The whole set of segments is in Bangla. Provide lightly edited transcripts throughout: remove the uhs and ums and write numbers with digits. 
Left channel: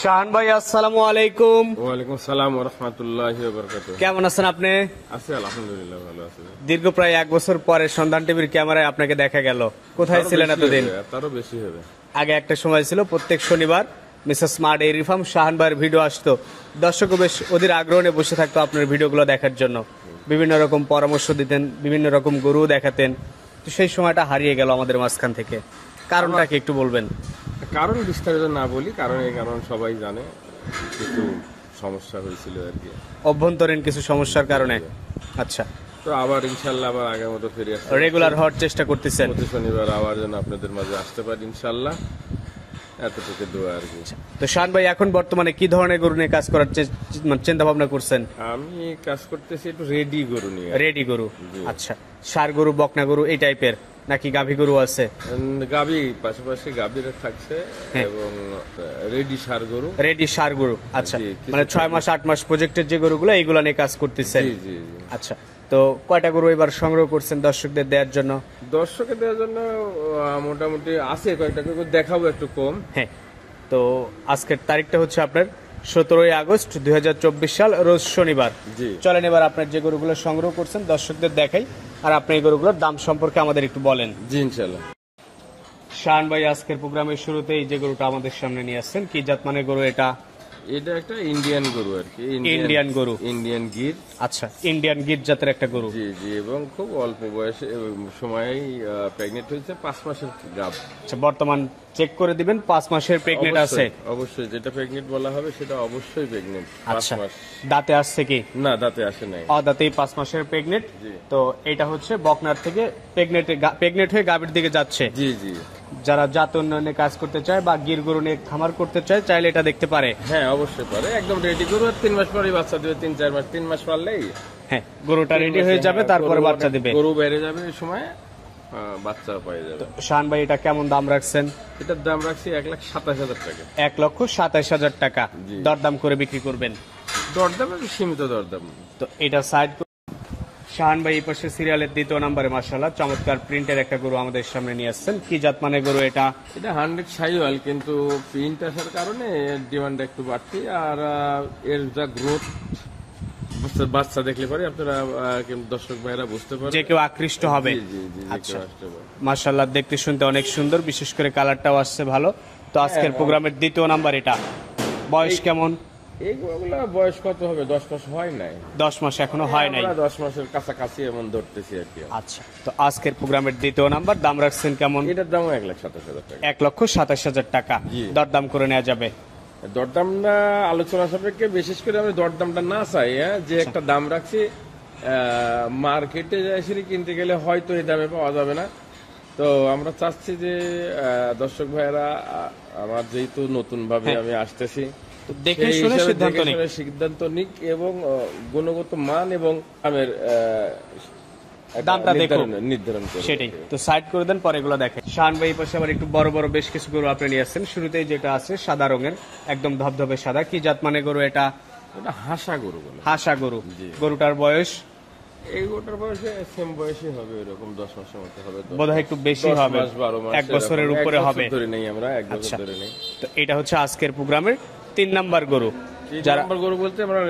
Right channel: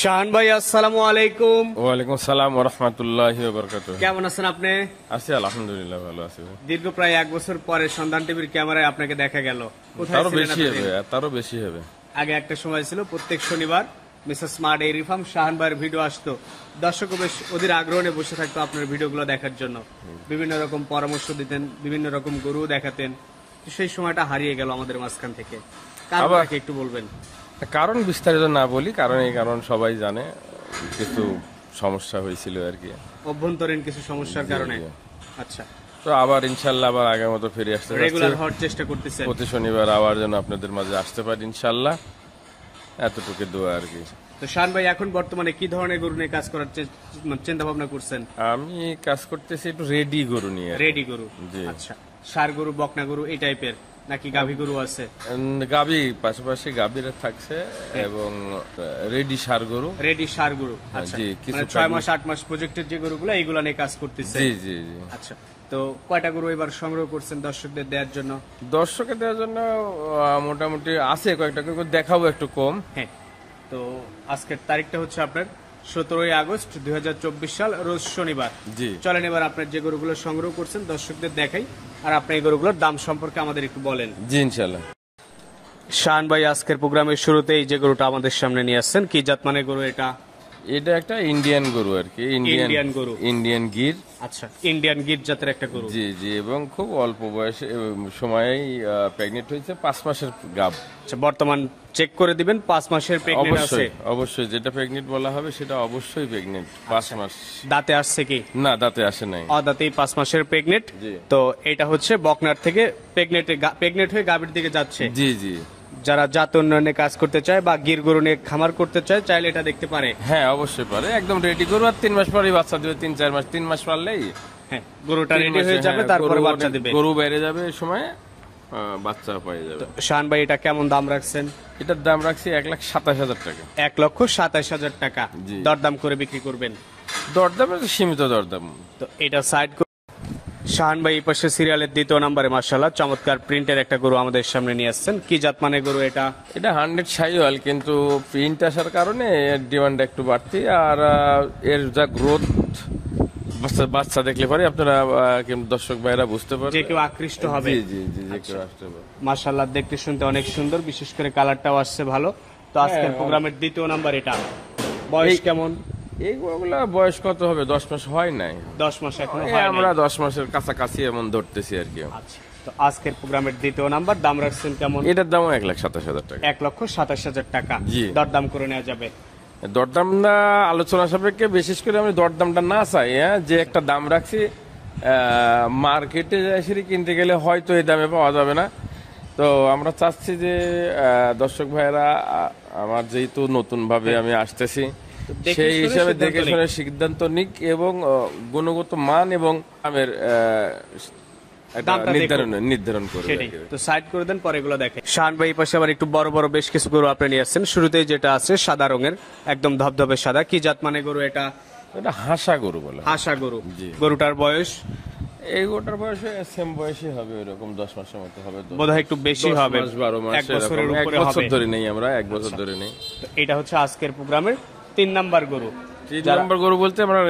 শাহান ভাই, আসসালামু আলাইকুম। ওয়ালাইকুম আসসালাম ওয়া রাহমাতুল্লাহি ওয়া বারাকাতুহু। কেমন আছেন আপনি? আছি আলহামদুলিল্লাহ, ভালো আছি। দীর্ঘ প্রায় 1 বছর পরে সন্ধান টিভির ক্যামেরায় আপনাকে দেখা গেল। কোথায় ছিলেন এতদিন? তারও বেশি হবে। আগে একটা সময় ছিল প্রত্যেক শনিবার Mrs smart dairy farm Shahan ভাইয়ের ভিডিও আসতো, দর্শকও বেশ অধীর আগ্রহ নিয়ে বসে থাকতো আপনার ভিডিওগুলো দেখার জন্য। বিভিন্ন রকম পরামর্শ দিতেন, বিভিন্ন রকম গরু দেখাতেন। তো সেই সময়টা হারিয়ে গেল আমাদের মাঝখান থেকে, কারণটা কি একটু বলবেন? কারণ বিস্তারিত না বলি, কারণ সবাই জানে কিছু সমস্যা হয়েছিল আর কি, অভ্যন্তরীণ কিছু সমস্যার কারণে। আচ্ছা, তো আবার ইনশাল্লাহ আবার আগের মতো ফিরে আসতে রেগুলার হওয়ার চেষ্টা করতেছেন? প্রতি শনিবার আবার যেন আপনাদের মাঝে আসতে পারি ইনশাল্লাহ, এতটুকু দোয়া আর কি। তো শাহান ভাই, এখন বর্তমানে কি ধরনের গরু নিয়ে কাজ করার চিন্তা ভাবনা করছেন? আমি কাজ করতেছি একটু রেডি গরু নিয়ে। রেডি গরু? আচ্ছা, ষাঁড় গরু, বকনা গরু এই টাইপের নাকি গাভী গরু আছে? গাভী পাশাপাশি গাভীর থাকছে এবং রেডি ষাঁড় গরু। রেডি ষাঁড় গরু, আচ্ছা। মানে 6 মাস 8 মাস প্রজেক্টের যে গরুগুলো, এইগুলো নিয়ে কাজ করতেছে? জি জি। আচ্ছা, তো কয়টা গরু এবার সংগ্রহ করছেন দর্শকদের দেওয়ার জন্য? দর্শকের দেওয়ার জন্য মোটামুটি আছে কয়েকটা, কিন্তু দেখাবো একটু কম। হ্যাঁ, তো আজকের তারিখটা হচ্ছে আপনার 17ই আগস্ট 2024 সাল, রোজ শনিবার। জি, চলেন এবার আপনার যে গরুগুলো সংগ্রহ করছেন দর্শকদের দেখাই, আর আপনি এই গরুগুলোর দাম সম্পর্কে আমাদের একটু বলেন। জি ইনশাল্লাহ। শাহান ভাই, আজকের প্রোগ্রামের শুরুতেই যে গরুটা আমাদের সামনে নিয়ে আসছেন, কি জাত মানে গরু এটা? এটা একটা ইন্ডিয়ান গরু আর কি, ইন্ডিয়ান গরু, ইন্ডিয়ান গির। আচ্ছা, ইন্ডিয়ান গির জাতের একটা গরু। জি জি, এবং খুব অল্প বয়সে সময়েই প্রেগনেন্ট হয়েছে, 5 মাসের গাব। আচ্ছা, বর্তমান চেক করে দিবেন 5 মাসের প্রেগনেন্ট আছে? অবশ্যই, যেটা প্রেগনেন্ট বলা হবে সেটা অবশ্যই প্রেগনেন্ট। 5 মাস। দাঁতে আসছে কি? না, দাঁতে আসে নাই, অদাঁতেই 5 মাসের প্রেগনেন্ট। তো এটা হচ্ছে বকনার থেকে প্রেগনেন্ট হয়ে গাভীর দিকে যাচ্ছে। জি জি। যারা জাত উন্নয়নে কাজ করতে চায় বা গির গরু নিয়ে খামার করতে চায়, চাইলে এটা দেখতে পারে। হ্যাঁ অবশ্যই পারে, একদম রেডি গরু। আর 3 মাস পরেই বাচ্চা দেবে, 3-4 মাস, 3 মাস পারলেই হ্যাঁ গরুটা রেডি হয়ে যাবে, তারপরে বাচ্চা দিবে। গরু বেড়ে যাবে ওই সময়, বাচ্চা পেয়ে যাবে। শাহান ভাই, এটা কেমন দাম রাখছেন? এটার দাম রাখছি 1,27,000 টাকা। 1,27,000 টাকা দরদাম করে বিক্রি করবেন? দরদাম সীমিত দরদাম। তো এটা সাইড। শাহান ভাই, এই পাশে সিরিয়ালের 2য় নম্বরে মাশাআল্লাহ চমৎকার প্রিন্টের একটা গরু আমাদের সামনে নিয়ে আসছেন। কি জাত মানে গরু এটা? এটা 100 শাহিওয়াল, কিন্তু প্রিন্ট আসার কারণে এর ডিমান্ড একটু বাড়তি। আর এর যা গ্রোথ, বাচ্চা দেখলে পরে আপনারা দর্শক ভাইরা বুঝতে পারবেন, যে কেউ আকৃষ্ট হবে। জি জি। আচ্ছা, মাশাআল্লাহ দেখতে শুনতে অনেক সুন্দর, বিশেষ করে কালারটাও আসছে ভালো। তো আজকের প্রোগ্রামের 2য় নাম্বার এটা। বয়স কেমন? এইগুলা বয়স কত হবে? 10 মাস হয় নাই। 10 মাস এখনো হয় নাই। আমরা 10 মাসের কাছাকাছি এমন ধরতেছি আর কি। আচ্ছা, তো আজকের প্রোগ্রামের 2য় নাম্বার দাম রাখছেন কেমন? এটার দাম 1,27,000 টাকা। 1,27,000 টাকা দরদাম করে নেওয়া যাবে? দরদামটা আলোচনা সাপেক্ষে, বিশেষ করে আমি দরদামটা না চাই, যে একটা দাম রাখছি, মার্কেটে এসে কিনতে গেলে হয়তো এই দামে পাওয়া যাবে না। তো আমরা চাচ্ছি যে দর্শক ভাইয়েরা, আমার যেহেতু নতুন ভাবে আমি আসতেছি, সেই হিসাবে দেখে শুনে সিদ্ধান্ত নিক এবং গুণগত মান এবং নির্ধারণ করে। সেটাই তো সাইড করে দেন, পরে এগুলো দেখেন। শাহান ভাই, পাশে আবার একটু বড় বড় বেশ কিছু গরু আপনি নিয়ে আসছেন। শুরুতেই যেটা আছে সাদা রঙের, একদম ধবধবে সাদা, কি জাত মানে গরু এটা? এটা হাসা গরু বলে। হাসা গরু। গরুটার বয়স? এই গরুটার বয়সে সেম বয়সই হবে, এরকম 10 মাসের মধ্যে হবে, বোধহয় একটু বেশি হবে, 1 বছরের উপরে হবে। ধরে নেই আমরা, 1 বছর ধরে নেই। তো এটা হচ্ছে আজকের প্রোগ্রামের 3 নাম্বার গরু। 3 নাম্বার গরু বলতে আমরা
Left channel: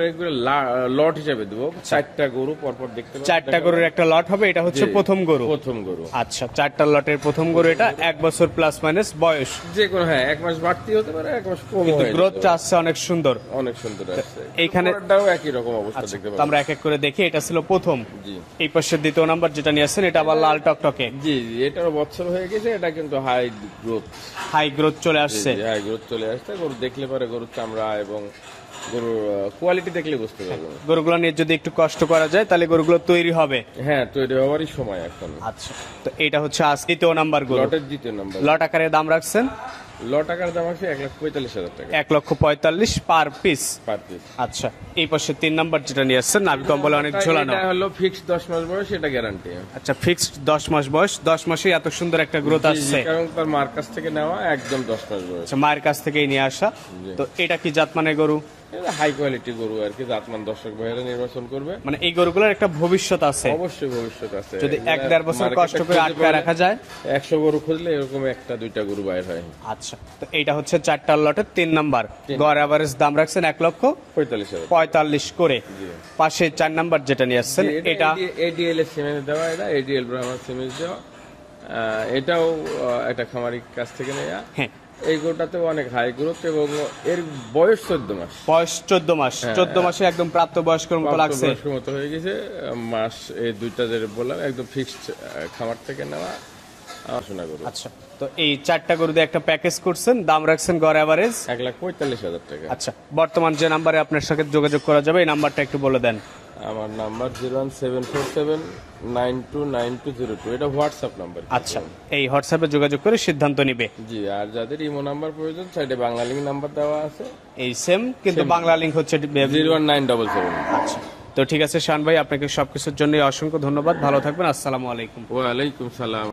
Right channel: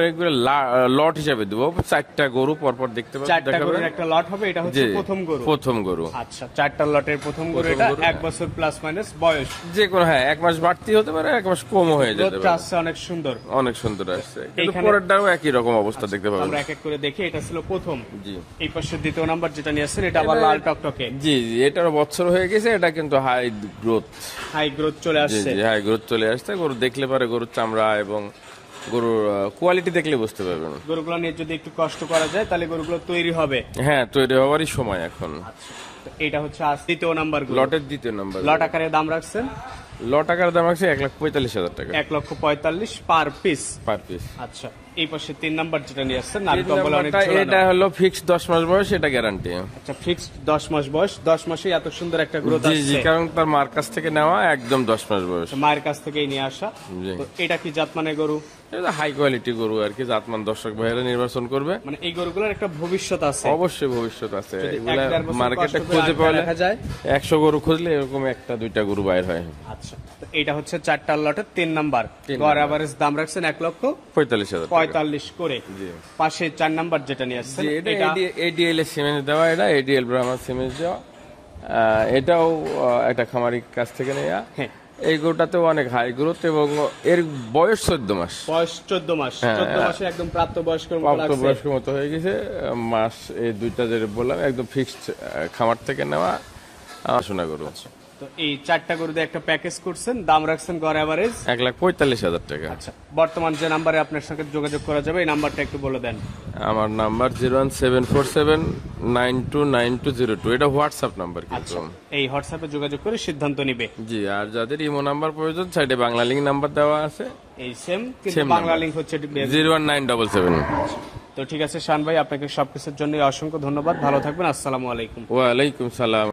লট হিসাবে দেবো, 4টা গরু পরপর দেখতে পাবেন। 4টা গরুর একটা লট হবে, এটা হচ্ছে প্রথম গরু। প্রথম গরু, আচ্ছা, 4টা লটের প্রথম গরু এটা। 1 বছর প্লাস মাইনাস বয়স, যে কোনো 1 মাস বাড়তি হতে পারে, 1 মাস কম হয়ে যেতে পারে। গ্রোথটা আসছে অনেক সুন্দর, অনেক সুন্দর আসছে। এইখানে পরেরটাও একই রকম অবস্থা দেখতে পাবেন। আমরা এক এক করে দেখি। এটা ছিল প্রথম। জি, এই পাশে 2য় নাম্বার যেটা নিয়ে আসছেন, এটা আবার লাল টকটকে। জি জি, এটার বছর হয়ে গেছে, এটা কিন্তু হাই গ্রোথ চলে আসছে। হাই গ্রোথ চলে আসছে। গরু দেখলে পারে, গরুর চামড়া এবং গরুর কোয়ালিটি দেখলে বুঝতে পারবেন। গরুগুলো নিয়ে যদি একটু কষ্ট করা যায়, তাহলে গরুগুলো তৈরি হবে। হ্যাঁ, তৈরি হওয়ারই সময় এখন। আচ্ছা, তো এটা হচ্ছে আজ 2য় নাম্বার গরু, লটের 2য় নাম্বার। লট আকারে দাম রাখছেন? লট আকারে দাম রাখছে 1,45,000 টাকা। 1,45,000 পার পিস। আচ্ছা, এই পাশে 3 নাম্বার যেটা নিয়ে আসছেন, নাক কম্বল অনেক ঝোলানো। এটা হলো ফিক্সড 10 মাস বয়স, এটা গ্যারান্টি। আচ্ছা, ফিক্সড 10 মাস বয়স। 10 মাসে এত সুন্দর একটা গ্রোথ আসছে, কারণ তার মার কাছ থেকে নেওয়া, একদম 10 মাস বয়স। আচ্ছা, মায়ের কাছ থেকেই নিয়ে আসা। তো এটা কি জাত মানে গরু? এটা হাই কোয়ালিটি গরু আর কি, জাতমান দর্শক ভাইয়েরা নির্বাচন করবে। মানে এই গরুগুলোর একটা ভবিষ্যৎ আছে, অবশ্যই ভবিষ্যৎ আছে। যদি এগুলা 1-1.5 বছর মার্কেটে কষ্ট করে খুঁজে আটকে পাওয়া রাখা যায়। 100 গরু খুঁজলে এরকম একটা দুইটা গরু বাইর হয়। আচ্ছা, তো এইটা হচ্ছে 4টা লটের 3 নাম্বার, গড় এভারেজ দাম রাখছেন 1,45,000 45,000 করে। পাশে 4 নাম্বার যেটা নিয়ে আসছেন এটা এডিএল এর সিমেন্ট দেওয়া, এটা এডিএল ব্রাহ্মণ সিমেন্ট দেওয়া। এটাও একটা খামারি কাছ থেকে নেওয়া। হ্যাঁ, এই গরুটাতেও অনেক হাই গ্রোথ এবং এর বয়স 14 মাস। বয়স 14 মাস। 14 মাসে একদম প্রাপ্তবয়স্কের মতো লাগছে। প্রাপ্তবয়স্কের মতো হয়ে গেছে। মাস এই দুইটা যে বললাম একদম ফিক্সড খামার থেকে নেওয়া শোনা গরু। আচ্ছা, তো এই 4টা গরু দিয়ে একটা প্যাকেজ করছেন, দাম রাখছেন গড় এভারেজ 1,45,000 টাকা। আচ্ছা, বর্তমান যে নাম্বারে আপনার সাথে যোগাযোগ করা যাবে এই নাম্বারটা একটু বলে দেন। আমার নাম্বার 01747929202, এটা হোয়াটসঅ্যাপ নাম্বার। আচ্ছা, এই হোয়াটসঅ্যাপে যোগাযোগ করে সিদ্ধান্ত নিবে। জি, আর যাদের ইমো নাম্বার প্রয়োজন সাইডে বাংলা লিঙ্ক নাম্বার দেওয়া আছে, এই সেম, কিন্তু বাংলা লিংক হচ্ছে 01977। আচ্ছা, তো ঠিক আছে শাহান ভাই, আপনাকে সবকিছুর জন্য অসংখ্য ধন্যবাদ। ভালো থাকবেন। আসসালামু আলাইকুম। ওয়ালাইকুম সালাম।